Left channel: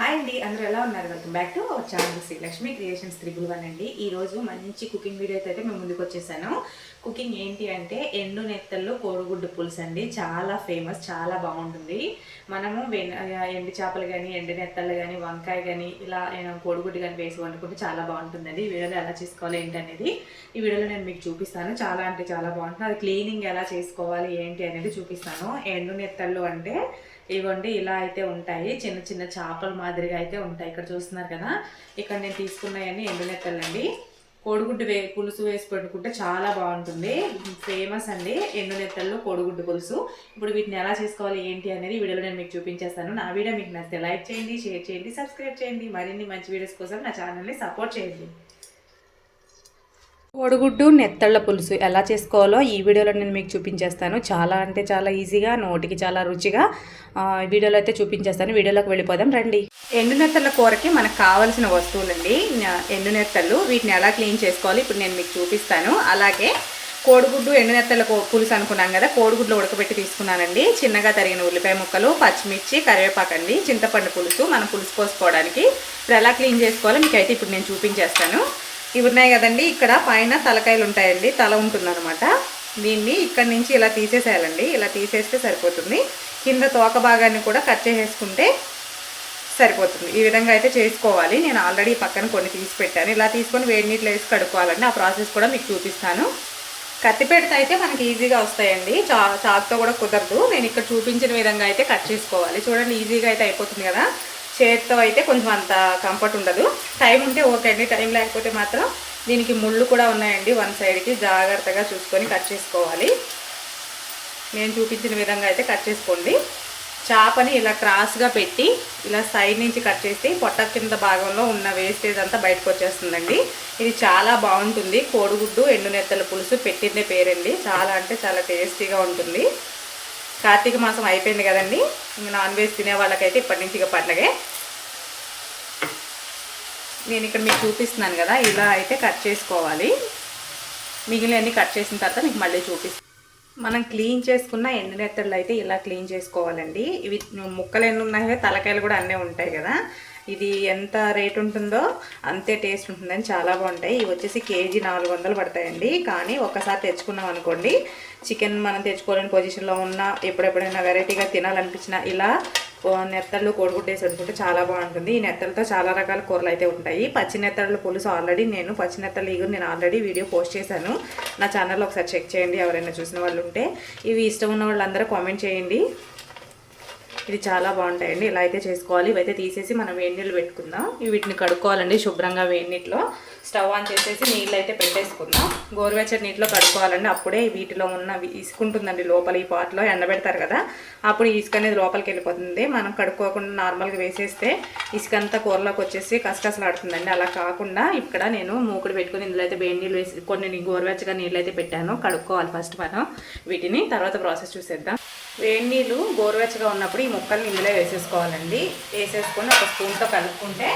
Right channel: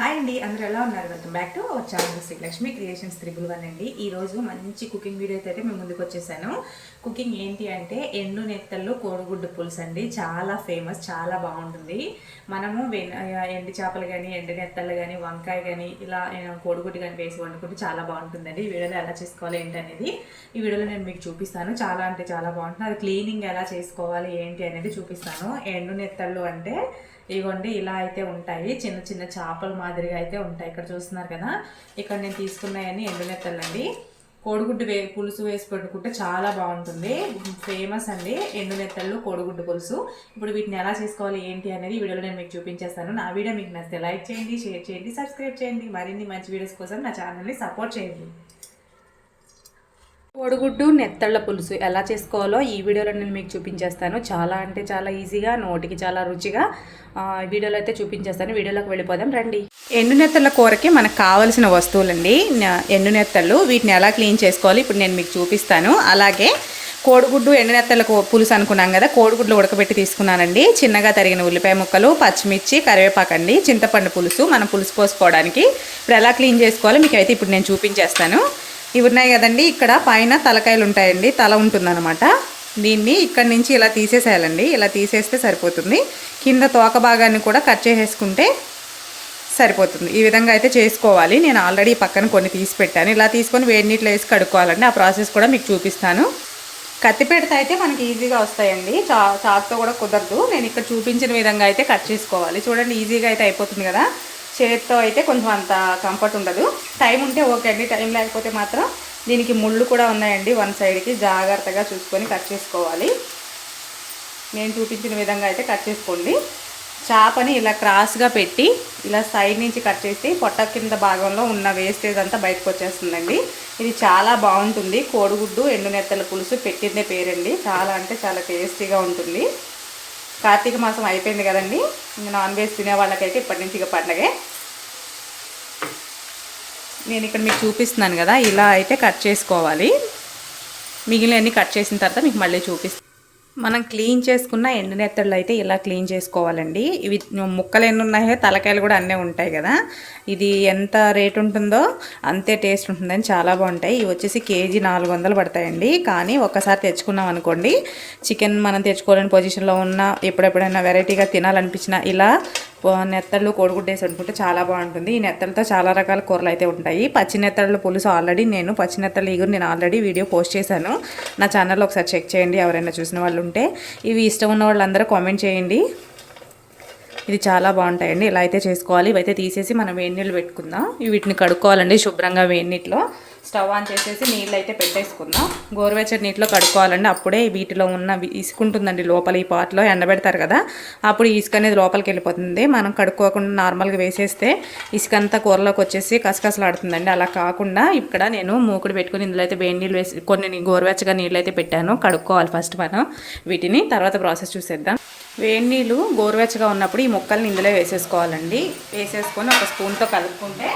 Hi అండి, అందరూ ఎలా ఉన్నారు? Welcome back to our channel Srilakshmi creations 111 అండి. ఈరోజు మంచి కుకింగ్ వీడియో అయితే మేము ముందుకు వచ్చేసాను. కుకింగ్ ఏంటి అంటే ఎండు నెత్తళ్ళు కోడిగుడ్డు పులుసు అండి. చాలా ఫేమస్, చాలా బాగుంటుంది. మనము ఎండు చేపలు కానీ, ఎండు నెత్తళ్ళు కానీ, వంకాయ కానీ, ఇలా కోడిగుడ్డు కానీ వేసి వండుకుంటే చాలా బాగుంటుందండి. ఈ వీడియోలో ఎలా చేసుకోవాలి ఏంటి అనేది ఈ వీడియోలో నేను మీకు చూపిస్తాను. చాలా అంటే చాలా బాగుంటుంది. అది క్లీనింగ్ ఎలా చేసుకోవాలి ఏంటి అనేది చూపిస్తాను. ఎండు నెత్తళ్ళు అంటే ఇవ్వండి, ఇలా అయితే ఉంటాయి. చిన్న చిన్న చేపల మాదిరిగా అయితే ఉంటాయి. ఇక్కడ చూస్తున్నారు కదా, ఇక్కడ నేను తీసుకున్నాయని ఎండు నెత్తళ్ళండి. కోడిగుడ్డు పులుసు వేసి పెట్టుకుంటే చాలా బాగుంటుంది. ఫేమస్ అండి ఎండు నెత్తళ్ళు కోడిగుడ్డు పులుసు. ఇప్పుడు వీటిని ఎలా చేసుకోవాలి ఏంటి అనేది వీడియోలో నేను మీకు చూపించేస్తాను. నా వీడియో మీకు నచ్చితే లైక్ చేయండి, షేర్ చేయండి, సబ్స్క్రైబ్ చేయండి. మరిన్ని మంచి వీడియోస్ కోసం నా ఛానల్ని సపోర్ట్ చేయండి. కోడిగుడ్డు నెత్తళ్ళ పులుసు ఎలా చేసుకోవాలో ఈ వీడియోలో నేను మీకు చూపించేస్తాను. చాలా అంటే చాలా ఈజీగా, నోటికి చాలా రుచిగా వీడియోలో అయితే చూపించేస్తాను. వీడియోలోకి వెళ్ళిపోదాం రండి. ఎండు నెత్తళ్ళ కూరకి మనకు కావాల్సిన వస్తువులండి. ఎండు నెత్తళ్ళు, వీటిని ఎలా క్లీన్ చేసుకోవాలి ఇప్పుడు నేను మీకు చూపిస్తాను. అలాగే కోడిగుడ్డు ఎండు నెత్తళ్ళ పులుసు అనుకున్నాం కదా, కోడిగుడ్లు ఉడకబెట్టి తీసుకున్నానండి. చిన్నగా తరిగిన ఉల్లిపాయ ముక్కలు, పచ్చిమిర్చి, కరివేపాకండి, చింతపండు పులుసు మనం పులుసు పోసుకోవడానికి. ఇప్పుడు ఎలా క్లీన్ చేసుకోవాలో మీకు అయితే ఇప్పుడు నేను చూపించేస్తాను. ఇవి ఉన్నాయి కదండి, ఇక్కడ పైన తలకాయలు ఉంటాయండి, తల ఉంటుందన్నమాట. దీన్ని ఇక్కడి నుంచి ఇలా తీసేసేయాలండి. ఇలా తీసేస్తే సరిపోతుంది. కింద తోక భాగాన్ని కూడా కట్ చేసేసుకుంటే సరిపోతుంది. ఈ విధంగా అయితే చేసుకోవాలి. నేను ఆల్రెడీ పక్కన కొన్ని తీసి పెట్టాను. ఇలా తీసుకొని వేడి నీటిలో వేసి కడుక్కోవాలండి. ఆ ప్రాసెస్ కూడా మీకు చూపిస్తాను. కత్తిపీటతో అయితే మనకి ఈజీగా వస్తాయండి, చాకుతో కూడా కుదరదు. నేను ఇక్కడ చూపించిన విధంగా అయితే కట్ చేసుకోవాలి. చూడండి, ఈజీగా అయితే అయిపోతుంది కదా. చేతితో అయితే కొంచెం అంత కంఫర్ట్ ఉండదు. టైం ఉంటే ఓకే అండి, టైం లేకపోతే మాత్రం దీనికి ముళ్ళు కూడా ఉన్నాయండి. వన్ సైడ్కి జాగ్రత్తగా చూసుకొని కట్ చేసుకోవాలి. నేను చూపించిన విధంగా అయితే కట్ చేసుకోండి. చేపని ఇలా క్రాస్గా పెట్టి ఇలా సైడ్ నుంచి కట్ చేసి పొట్ట కింద భాగంలో ఉన్న వేస్టేజ్ అంతా బయటకు వచ్చేస్తుందండి. ఇది చాలా బాగుంటుంది. కోడిగుడ్డు ఎండు నెత్తల పులుసు పెట్టిందే పేరండి. చాలా అంటే చాలా టేస్టీగా ఉంటుంది. కార్తీక మాసం అయిపోయింది కదండి, ఇంకా నాన్ వెజ్ తినే వాళ్ళకైతే ఇప్పటి నుంచి ఇక పండగే. నేను ఇక్కడ మీకు చూపిస్తున్నాను కదా, ఇలా అయితే కట్ చేసుకోవాలి. మిగిలినవన్నీ కట్ చేసిన తర్వాత మీకు మళ్ళీ చూపిస్తాను. మనం క్లీన్ చేసుకున్న ఎండు నెత్తళ్ళు అయితే ఇలా క్లీన్ చేసుకోవాలండి. ఇవి ముక్కలు ఎన్ని ఉన్నాయో తలకాయలు కూడా అన్నీ ఉంటాయి కదా. ఇది ఎంత రేట్ ఉంటుందో అంతే టేస్ట్ ఉంటుందని చాలా బాగుంటాయి. ఇవి వచ్చేసి కేజీ 400 పడతాయండి. కానీ ఒక్కసారి తెచ్చుకున్నాం అనుకోండి, చికెన్ మనం తెచ్చుకోలేని పొజిషన్లో ఉన్న ఎప్పుడెప్పుడైనా వెరైటీగా తినాలనిపించినా ఇలా నెత్తళ్ళు కోడిగుడ్డు వేసి వండుకుంటే చాలా బాగుంటుంది. ఈ నెత్తలతో చాలా రకాల కూరలు అయితే ఉంటాయి. పచ్చి నెత్తళ్ళ పులుసు ఆల్రెడీ నేను పచ్చి నెత్తళ్ళ ఈగురు నేను ఆల్రెడీ వీడియో పోస్ట్ చేశాను. నా ఛానల్లో ఒకసారి చెక్ చేయండి ఎవరైనా చూసిన వాళ్ళు ఉంటే. ఇవి ఇష్టం ఉన్న వాళ్ళందరూ కామెంట్ చేయండి. ఇది చాలా బాగుంటాయండి. ఇలా అయితే చేసుకోవాలి. ఇవైతే తీసేసి మనం వేడి నీళ్ళు పెట్టుకుందాం. వీటిని కడుక్కోవాలండి శుభ్రంగా. వేడి నీటిలో స్టవ్ ఆన్ చేసేసి నీళ్ళు అయితే పెట్టేసుకుందాం. గోరువెచ్చని నీటిలో కడుక్కోవాలండి. అప్పుడే వీటిలో ఉన్న ఇసుక ఉంటుందండి లోపల. ఈ పాట్లో ఎండబెడతారు కదా, అప్పుడు ఇసుక అనేది లోపలికి వెళ్ళిపోతుంది. మనం కడుక్కోకుండా నార్మల్గా వేసేస్తే ఇసుక అంతా కూరలోకి వచ్చేసి కసకసలాడుతుందండి. అలా కాకుండా ఇక్కడ నేను మూకుడు పెట్టుకుని ఇందులో అయితే వేడి నీళ్ళు వేసి కొన్ని గోరువెచ్చగా నీళ్ళు అయితే పెట్టాను. కడుక్కోవాలి ఫస్ట్ మనం వీటిని, తర్వాత ప్రాసెస్ చూసేద్దాం. వేడి నీళ్ళు గోరువెచ్చగా ఉన్నప్పుడు ఈ ముక్కల్ని ఇందులో వేసేసుకోవాలండి. వేసేసుకొని ఒక స్పూన్తో కలుపుకుంటే,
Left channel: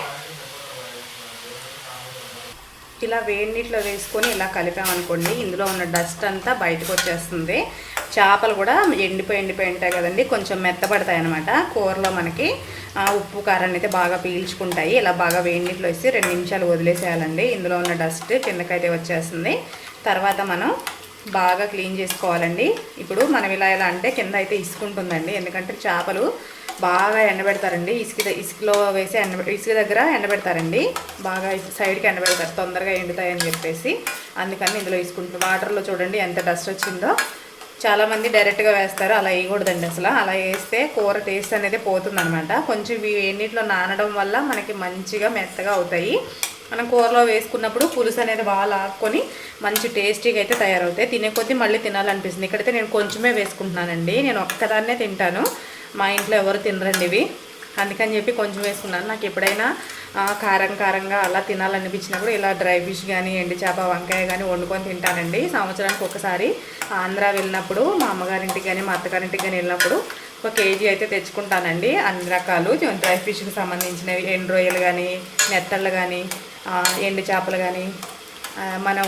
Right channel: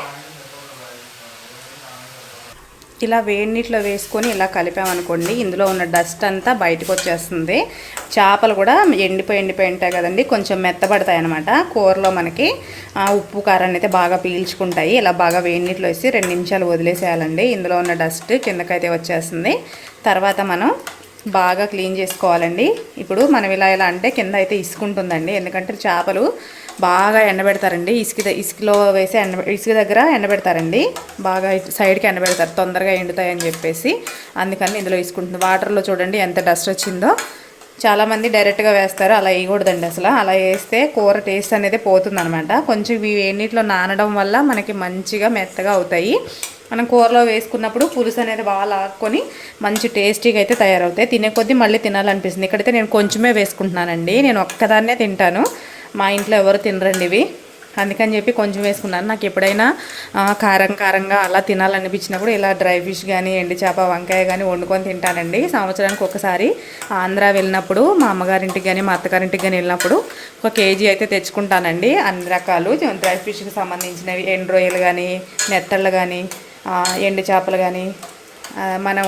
ఇలా వేడి నీటిలో వేసుకొని ఇలా కలిపామనుకోండి, ఇందులో ఉన్న డస్ట్ అంతా బయటకు వచ్చేస్తుంది. చేపలు కూడా ఎండిపోయి ఉంటాయి కదండి, కొంచెం మెత్తబడతాయి అన్నమాట. కూరలో మనకి ఉప్పు కారాన్ని అయితే బాగా పీల్చుకుంటాయి. ఇలా బాగా వేడి నీటిలో వేసి 2 నిమిషాలు వదిలేసేయాలండి. ఇందులో ఉన్న డస్ట్ కిందకైతే వచ్చేస్తుంది. తర్వాత మనం బాగా క్లీన్ చేసుకోవాలండి. ఇప్పుడు మనం ఇలా అంటే కింద అయితే ఇసుకుంటుందండి, ఎందుకంటే చేపలు బాగా ఎండబెడతారండి. ఇసుకలో వేసి ఇసుక దగ్గర ఎండబెడతారండి. బాగా సైడ్కి ఎండబెడతారు, తొందరగా ఎండుతాయని చెప్పేసి. అందుకని ఇందులో ఇసుకుంటుంది. వాటర్లో చూడండి ఎంత డస్ట్ వచ్చిందో. చాలామంది డైరెక్ట్గా వేస్తారు, అలా వేయకూడదండి. అసలు అలా వేస్తే కూర టేస్ట్ అనేది పోతుందన్నమాట. కొంచెం ఇవి వేడినీటిలో నానడం వల్ల మనకి మంచిగా మెత్తగా అవుతాయి. మనం కూరలో వేసుకున్నప్పుడు పులుసు అనేది బాగా లాక్కొని మంచి టేస్టీగా అయితే తయారవుతాయి. తినే కొద్దీ మళ్ళీ తినాలనిపిస్తుంది. ఇక్కడైతే నేను కొంచెమే వేసుకుంటున్నానండి. నేను ఒక్కదాన్నే తింటాను, మా ఇంట్లో ఎవరు తినరండి ఇవి. అందుకని చెప్పి కొంచెం వేసుకున్నాను. నాకు ఎప్పుడైనా కారంగా అలా తినాలనిపించినప్పుడు ఇలా డ్రై ఫిష్ కానీ, ఎండు చేప, వంకాయ కానీ వండుకొని తింటానండి. సంవత్సరానికి ఒకసారి ఆంధ్ర వెళ్ళినప్పుడు, మా అమ్మగారింటికి కానీ మా అత్తగారింటికి కానీ వెళ్ళినప్పుడు 1 కేజీ అయితే తెచ్చుకుంటానండి. అన్ని రకాలు డ్రై ఫిష్కి సంబంధించినవి, ఎండు రొయ్యలు కానీ, నెత్తళ్ళు కానీ, ఎండు చేపలు కానీ, మనం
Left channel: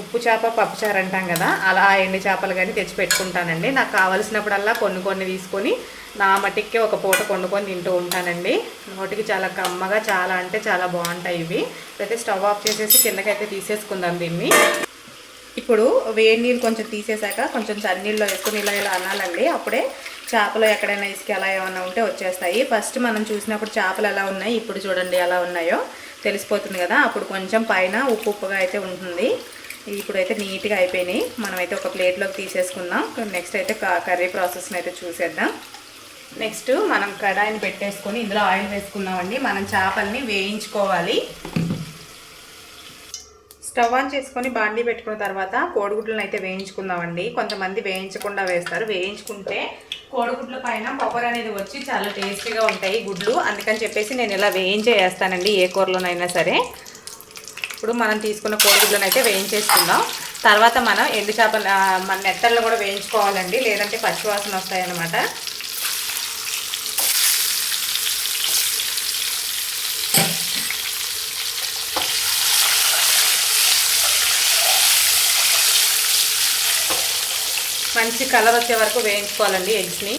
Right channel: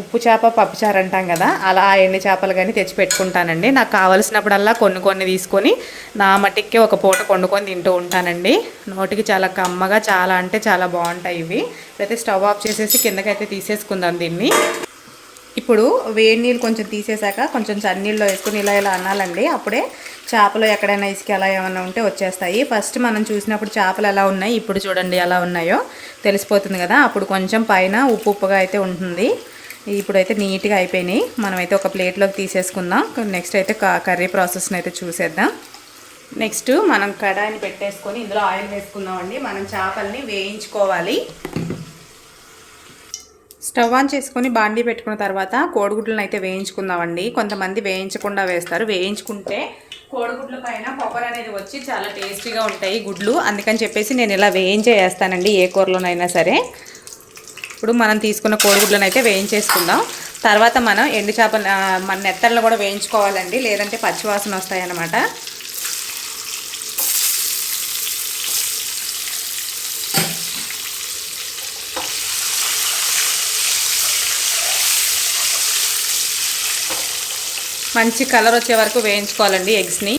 ఉప్పు చేప పప్పుచారు అంటాం కదా, అలా ఎండు చేపలు కానీ తెచ్చి పెట్టుకుంటానండి. నాకు కావలసినప్పుడల్లా కొన్ని తీసుకొని నా మట్టికి ఒక పూట వండుకొని తింటూ ఉంటానండి. నోటికి చాలా కమ్మగా చాలా అంటే చాలా బాగుంటాయి ఇవి. అయితే స్టవ్ ఆఫ్ చేసేసి కిందకైతే తీసేసుకుందాం దీన్ని. ఇప్పుడు వేడి నీళ్ళు కొంచెం తీసేసాక కొంచెం చన్నీళ్ళు వేసుకుని ఇలా అనాలండి. అప్పుడే చేపలు ఎక్కడైనా ఇసుక ఎలా ఏమైనా ఉంటే వచ్చేస్తాయి. ఫస్ట్ మనం చూసినప్పుడు చేపలు ఎలా ఉన్నాయి, ఇప్పుడు చూడండి ఎలా ఉన్నాయో తెలిసిపోతుంది కదా. అప్పుడు కొంచెం పైన ఉప్పుగా అయితే ఉంటుంది. ఇప్పుడైతే నీట్గా అయిపోయినాయి. మనమైతే ఒక ప్లేట్లోకి తీసేసుకుందాం. నెక్స్ట్ అయితే కర్రీ ప్రాసెస్ని అయితే చూసేద్దాం. నెక్స్ట్ మనం కడాయిని పెట్టేసుకొని ఇందులో ఆయిల్ వేసుకుందామండి. మనం చేపల్ని వేయించుకోవాలి. స్టవ్ ఆన్ చేసుకొని బాండీ పెట్టుకున్న తర్వాత కోడిగుడ్లను అయితే వేయించుకుందామండి. కొంతమంది వేయించకుండా వేస్తారు. వేయించుకుంటే కోడిగుడ్ల పైన కొబ్బరి అనేది వచ్చి చాలా టేస్టీగా ఉంటాయి గుడ్లు. అందుకని చెప్పేసి నేను ఇలా వేయించేస్తానండి ఏ కూరలోనైనా సరే. ఇప్పుడు మనం తీసుకున్న కోడిగుడ్లను అయితే వేయించేసుకుందాం. తర్వాత మనం ఎండు చేప మన నెత్తళ్ళు కూడా వేయించుకోవాలండి, లేదంటే పచ్చివాసన వస్తాయి అన్నమాట. మంచి కలర్ వచ్చే వరకు వేయించుకోవాలండి ఎగ్స్ని.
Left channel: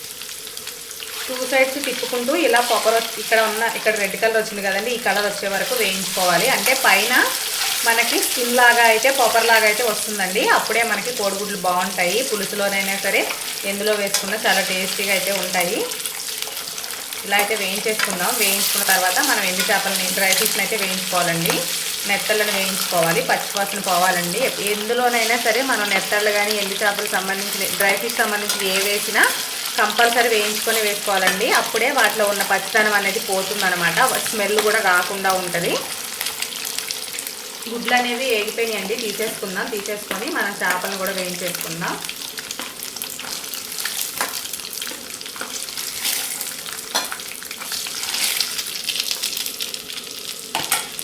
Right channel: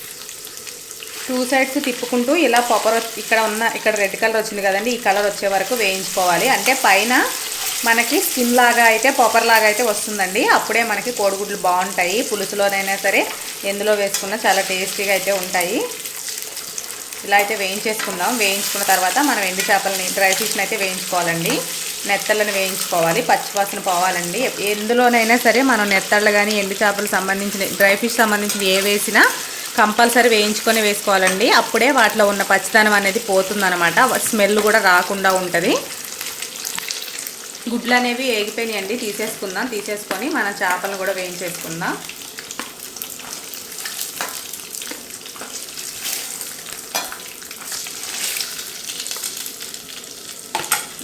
2 సైడ్స్ తిప్పుకుంటూ ఇలా ఇక్కడ రెడ్ కలర్ వచ్చింది కదండి, ఈ కలర్ వచ్చే వరకు వేయించుకోవాలి. అంటే పైన మనకి స్కిన్ లాగా అయితే పొగర్ లాగా అయితే వస్తుందండి. అప్పుడే మనకి కోడిగుడ్లు బాగుంటాయి. పులుసులోనైనా సరే ఎందులో వేసుకున్నా చాలా టేస్టీగా అయితే ఉంటాయి. ఇలా అయితే వేయించేసుకుందాం. వేయించుకున్న తర్వాత మనం ఎండు చేపలని డ్రై ఫిష్ని అయితే వేయించుకోవాలండి. నెత్తళ్ళను వేయించుకోవాలి, పచ్చివాసన పోవాలండి. ఎందులోనైనా సరే మనం నెత్తళ్ళు కానీ ఎండు చేపలు సంబంధించిన డ్రై ఫిష్ సంబంధించిన ఏ వేసినా కంపల్సరీ వేయించుకొని వేసుకోవాలండి. అప్పుడే వాటిలో ఉన్న పచ్చిదనం అనేది పోతుందన్నమాట. స్మెల్ కూడా రాకుండా ఉంటుంది. గుడ్లు అనేవి వేగిపోయినాయండి, తీసేసుకొని మన చేపలను కూడా వేయించేసుకుందాం.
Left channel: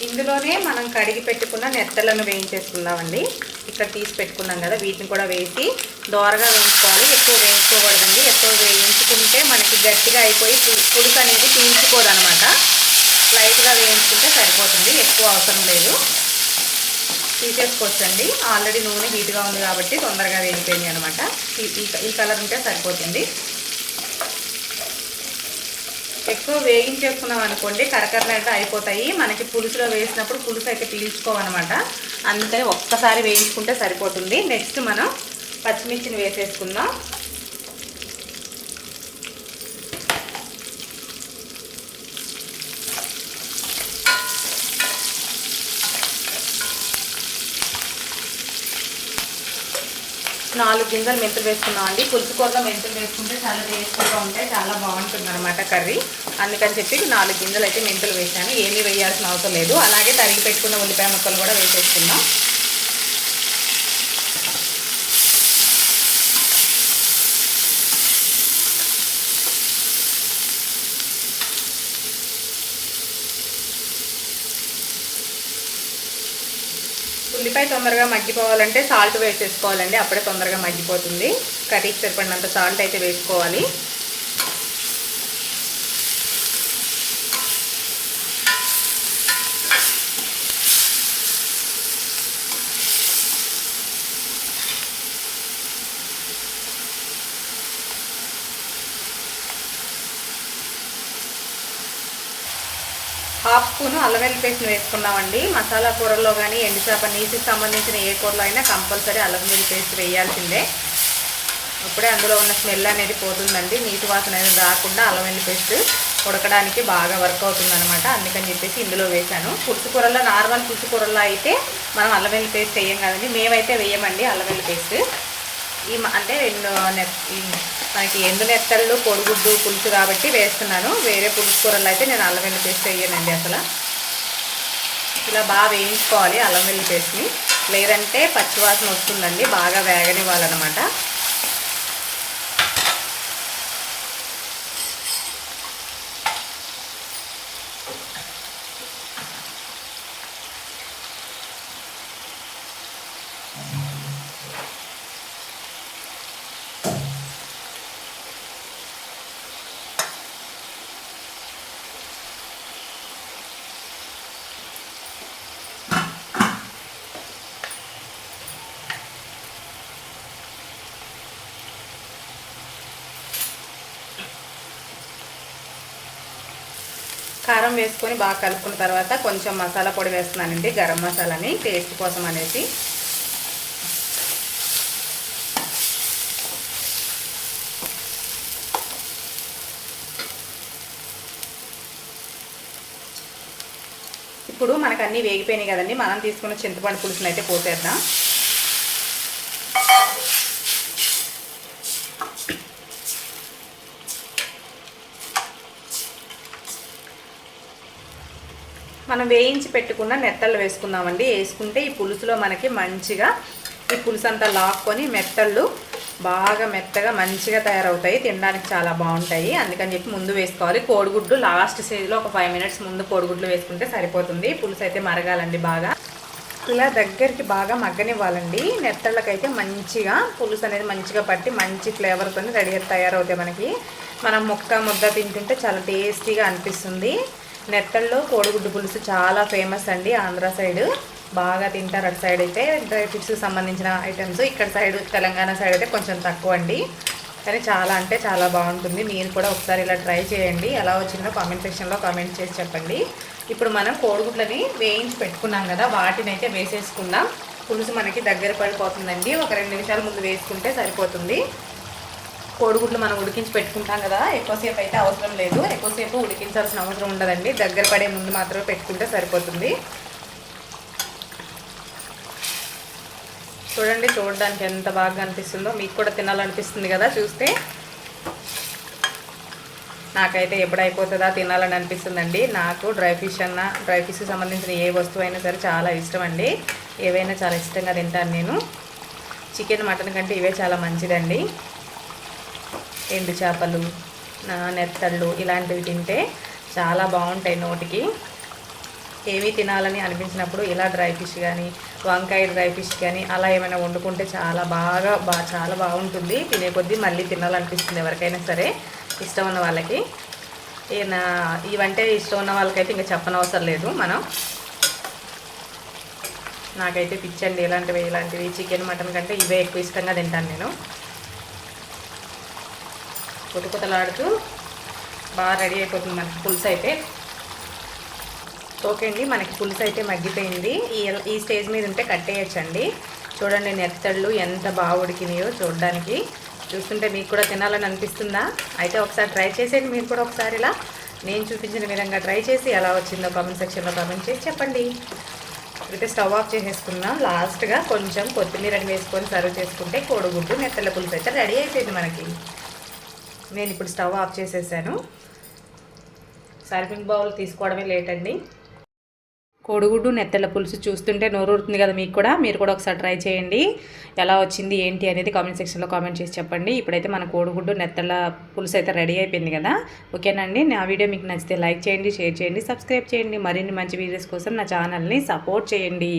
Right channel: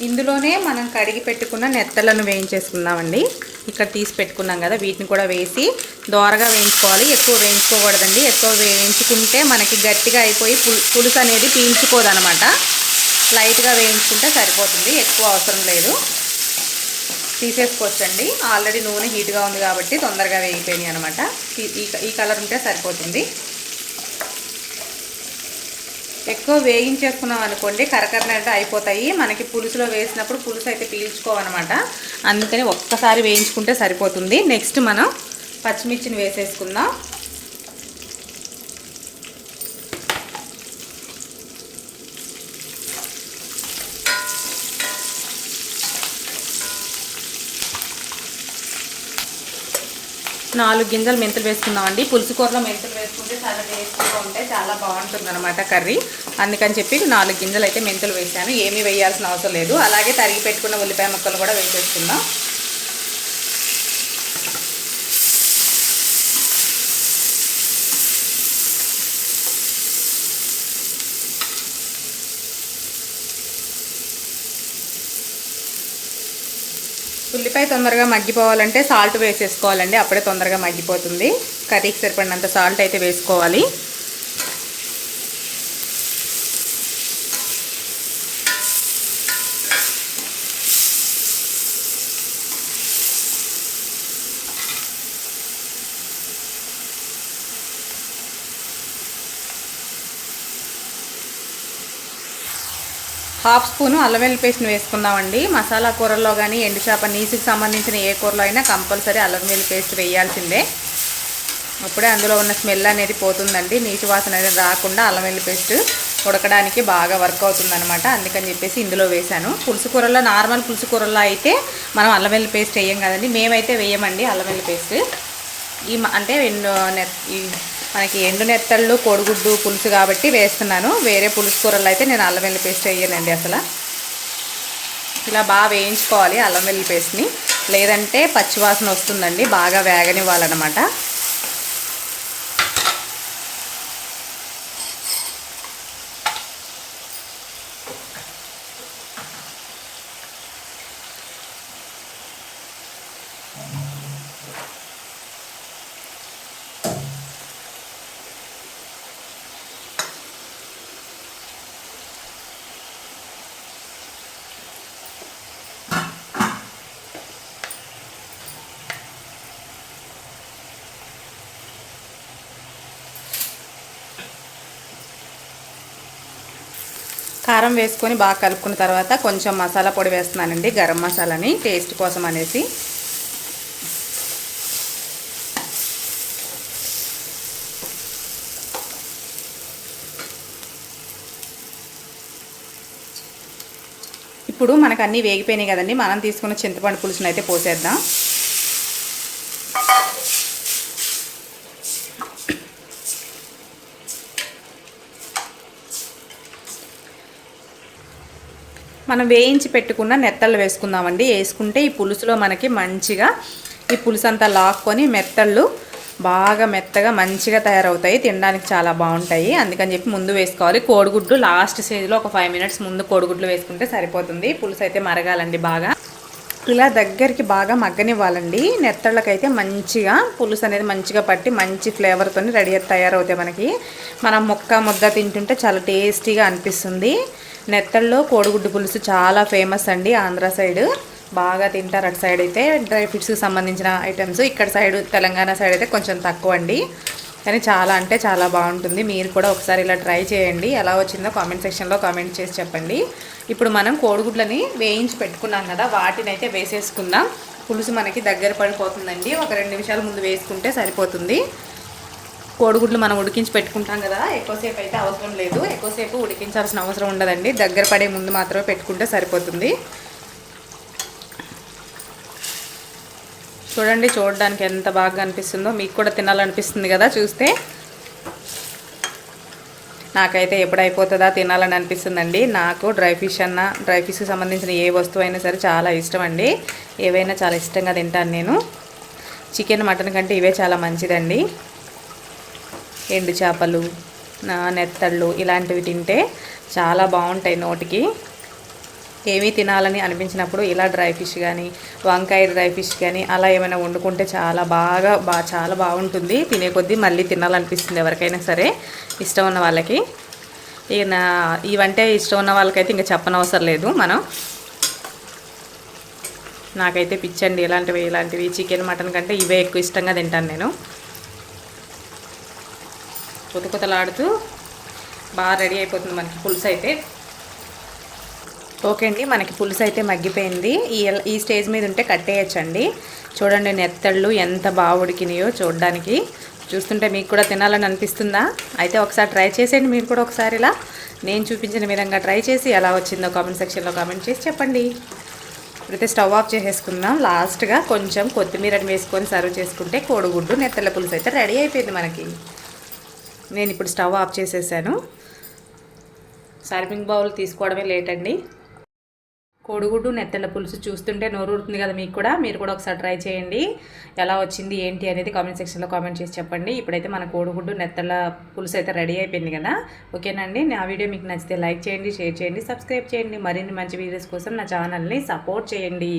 ఇందులోనే మనం కడిగి పెట్టుకున్న నెత్తలను వేయించేసుకుందామండి. ఇక్కడ తీసి పెట్టుకున్నాం కదా, వీటిని కూడా వేసి దోరగా వేయించుకోవాలి. ఎక్కువ వేయించుకోకూడదండి. ఎక్కువ వేయించుకుంటే మనకి గట్టిగా అయిపోయి పులుసు అనేది పీల్చుకోదనమాట. లైట్గా వేయించుకుంటే సరిపోతుంది, ఎక్కువ అవసరం లేదు. తీసేసుకోవచ్చండి. ఆల్రెడీ నూనె హీట్గా ఉంది కాబట్టి తొందరగా వేగిపోయింది అనమాట. ఈ కలర్ ఉంటే సరిపోతుంది. ఎక్కువ వేయించేసుకున్నాం అనుకోండి కరకరలాంటి అయిపోతాయి. మనకి పులుసులో వేసినప్పుడు పులుసు అయితే పీల్చుకోవన్నమాట. అందుకని ఒక్కసారి వేయించుకుంటే సరిపోతుంది. నెక్స్ట్ మనం పచ్చిమిర్చిని వేసేసుకుందాం. నాలుగు గింజలు మెంతులు వేసుకున్నామండి. పులుసు కూరలో మెంతులు వేసుకుంటే చాలా టేస్టీగా ఉంటాయి, చాలా బాగుంటుంది అనమాట కర్రీ. అందుకని చెప్పి 4 గింజలు అయితే మెంతులు వేసాను. ఏమీ వేయాల్సిన అవసరం లేదు. అలాగే తరిగి పెట్టుకున్న ఉల్లిపాయ ముక్కలు కూడా వేసేసుకుందాం. ఉల్లిపాయ తొందరగా మగ్గిపోవాలంటే సాల్ట్ వేసేసుకోవాలండి. అప్పుడే తొందరగా మగ్గిపోతుంది. కర్రీకి సరిపడినంత సాల్ట్ అయితే వేసుకోవాలి. హాఫ్ స్పూను అల్లం వెల్లుల్లి పేస్ట్ని వేసుకుందామండి. మసాలా కూరల్లో కానీ ఎండు చేప నీసుకి సంబంధించిన ఏ కూరలో అయినా కంపల్సరీ అల్లం వెల్లుల్లి పేస్ట్ వేయాల్సిందే. అప్పుడే అందులో ఉన్న స్మెల్ అనేది పోతుందండి. నీటి వాసన అనేది రాకుండా అల్లం వెల్లుల్లి పేస్ట్ ఉడకడానికి బాగా వర్క్ అవుతుందన్నమాట. అందుకని చెప్పేసి ఇందులో వేసాను. పులుసు కూరల్లో, నార్మల్ పులుసు కూరల్లో అయితే మనం అల్లం వెల్లుల్లి పేస్ట్ వేయం కదండి. మేమైతే వేయమండి అల్లం వెల్లుల్లి పేస్ట్. అంటే మనకి ఎండు నెత్తళ్ళు కోడిగుడ్డు పులుసు కాబట్టి వేస్తున్నాను. వేరే పులుసు కూరల్లో అయితే నేను అల్లం వెల్లుల్లి పేస్ట్ వేయనండి అసలు. ఇలా బాగా వేయించుకోవాలి అల్లం వెల్లుల్లి పేస్ట్ని, లేదంటే పచ్చివాసన వస్తుందండి. బాగా వేగనివ్వాలన్నమాట. కారం వేసుకొని బాగా కలుపుకున్న తర్వాత కొంచెం మసాలా పొడి వేస్తున్నానండి, గరం మసాలాని టేస్ట్ కోసం అనేసి. ఇప్పుడు మనకు అన్నీ వేగిపోయినాయి కదండి, మనం తీసుకున్న చింతపండు పులుసును అయితే పోసేద్దాం. మనం వేయించి పెట్టుకున్న నెత్తళ్ళు వేసుకుందామండి. వేసుకుంటే ఈ పులుసులో మనకి మంచిగా ఈ పులుసు అంతా లాక్కొని మెత్తళ్ళు బాగా మెత్తగా మంచిగా తయారవుతాయి, తినడానికి చాలా బాగుంటాయి. అందుకని చెప్పి ముందు వేసుకోవాలి. కోడిగుడ్లు లాస్ట్ స్టేజ్లో ఒక 5 మినిట్స్ ముందు కోడిగుడ్లు వేసుకుంటే సరిపోతుంది. పులుసు అయితే మరగాలండి బాగా, ఇలా దగ్గరికి బాగా మగ్గనివ్వాలండి. నెత్తళ్ళకైతే మంచిగా పులుసు అనేది మంచిగా పట్టి మంచి ఫ్లేవర్తో రెడీ తయారవుతాయి. మనకి మనం ముద్ద తింటుంటే చాలా టేస్టీగా అనిపిస్తుంది. నెత్తల్లో కోడిగుడ్డు పులుసు చాలా ఫేమస్ అండి, ఆంధ్ర సైడ్ బాగా తింటారు. అటు సైడ్ అయితే డ్రై ఫ్రూట్స్కి సంబంధించిన ఐటమ్స్, ఇక్కడ సైడ్ తెలంగాణ సైడ్ అయితే కొంచెం తక్కువ అండి, కానీ చాలా అంటే చాలా బాగుంటుంది. మీరు కూడా ఒకసారి ఇలా ట్రై చేయండి. ఎలా వచ్చిందో కామెంట్ సెక్షన్లో కామెంట్ చేసి చెప్పండి. ఇప్పుడు మనం కోడిగుడ్లని వేయించి పెట్టుకున్నాం కదా, వాటిని అయితే వేసేసుకుందాం. పులుసు మనకి దగ్గర పడిపోతుందండి, ఒక 2 నిమిషాల ముందు వేసుకుంటే సరిపోతుంది. కోడిగుడ్లు మనం ఉడికించి పెట్టుకుంటాం కదా, ఎక్కువసేపు అయితే అవసరం లేదు, ఎక్కువసేపు ఉడికించాల్సిన అవసరం ఉండదండి. దగ్గర పడే ముందు మాత్రమే పెట్టుకుంటే సరిపోతుంది. చూడండి, చూడడానికి ఎంత బాగా అనిపిస్తుందో, మీకు కూడా తినాలనిపిస్తుంది కదా చూస్తే. నాకైతే ఎప్పుడు అయిపోతుందా తినాలని అనిపిస్తుందండి. నాకు డ్రై ఫిష్కి సంబంధించిన ఏ వస్తువు అయినా సరే చాలా ఇష్టం అండి. ఏవైనా చాలా ఇష్టంగా తింటాను నేను. చికెన్ మటన్ కంటే ఇవే చాలా మంచిదండి. ఎండు చేపలు, నెత్తళ్ళు ఇలాంటివి తింటే చాలా బాగుంటాయి నోటికి. ఏమీ తినాలని అనిపించినప్పుడు ఇలా డ్రై ఫిష్ కానీ, వంకాయ డ్రై ఫిష్ కానీ అలా ఏమైనా వండుకుంటే చాలా చాలా బాగుంటుంది. తినే కొద్దీ మళ్ళీ తినాలనిపిస్తుంది ఎవరికైనా సరే, ఇష్టం ఉన్న వాళ్ళకి. ఇవంటే ఇష్టం ఉన్న వాళ్ళకైతే ఇంకా చెప్పనవసరం లేదు. నాకైతే పిచ్చండి ఇలాంటివి. చికెన్ మటన్ కంటే ఇవే ఎక్కువ ఇష్టంగా తింటాను నేను. కుతకుతలాడుతూ బాగా రెడీ అయిపోతుంది మనకి పులుసు అయితే. ఓకే అండి, మనకి పులుసు అయితే మగ్గిపోయింది. ఈ స్టేజ్ మీద ఉంటే కట్టేయచ్చండి. చూడండి నెత్తళ్ళు ఎంత బాగా ఉడికినాయో చూడడానికి. చూస్తుంటే మీకు కూడా తినాలని అనిపిస్తుందా? అయితే ఒకసారి ట్రై చేసేయండి మీరు కూడా. ఒకసారి ఇలా నేను చూపించిన విధంగా ట్రై చేసి ఎలా వచ్చిందో కామెంట్ సెక్షన్లో కామెంట్ చేసి చెప్పండి. అయితే స్టవ్ ఆఫ్ చేసేసుకుందాం. లాస్ట్గా కొంచెం కొత్తిమీరని వేసుకొని సర్వ్ చేసుకుంటే కోడిగుడ్డు నెత్తళ్ళ పులుసు అయితే రెడీ అయిపోయింది మనకి. నేను ఇప్పుడు స్టవ్ ఆఫ్ చేసేసాను. సర్వింగ్ బౌల్ తీసుకోవడమే లేట్ అండి. కోడిగుడ్డు నెత్తళ్ళ పులుసు చూస్తుంటే నోరూరుతుంది కదా మీకు కూడా. మీరు కూడా ఒకసారి ట్రై చేయండి. ఎలా వచ్చింది ఏంటి అనేది కామెంట్ సెక్షన్లో కామెంట్ చేసి చెప్పండి. ఇప్పుడైతే మన కోడిగుడ్డు నెత్తళ్ళ పులుసు అయితే రెడీ అయిపోయింది కదా. ఓకేనండి, నా వీడియో మీకు నచ్చితే లైక్ చేయండి, షేర్ చేయండి, సబ్స్క్రైబ్ చేయండి. మరిన్ని మంచి వీడియోస్ కోసం నా ఛానల్ని సపోర్ట్ చేయండి.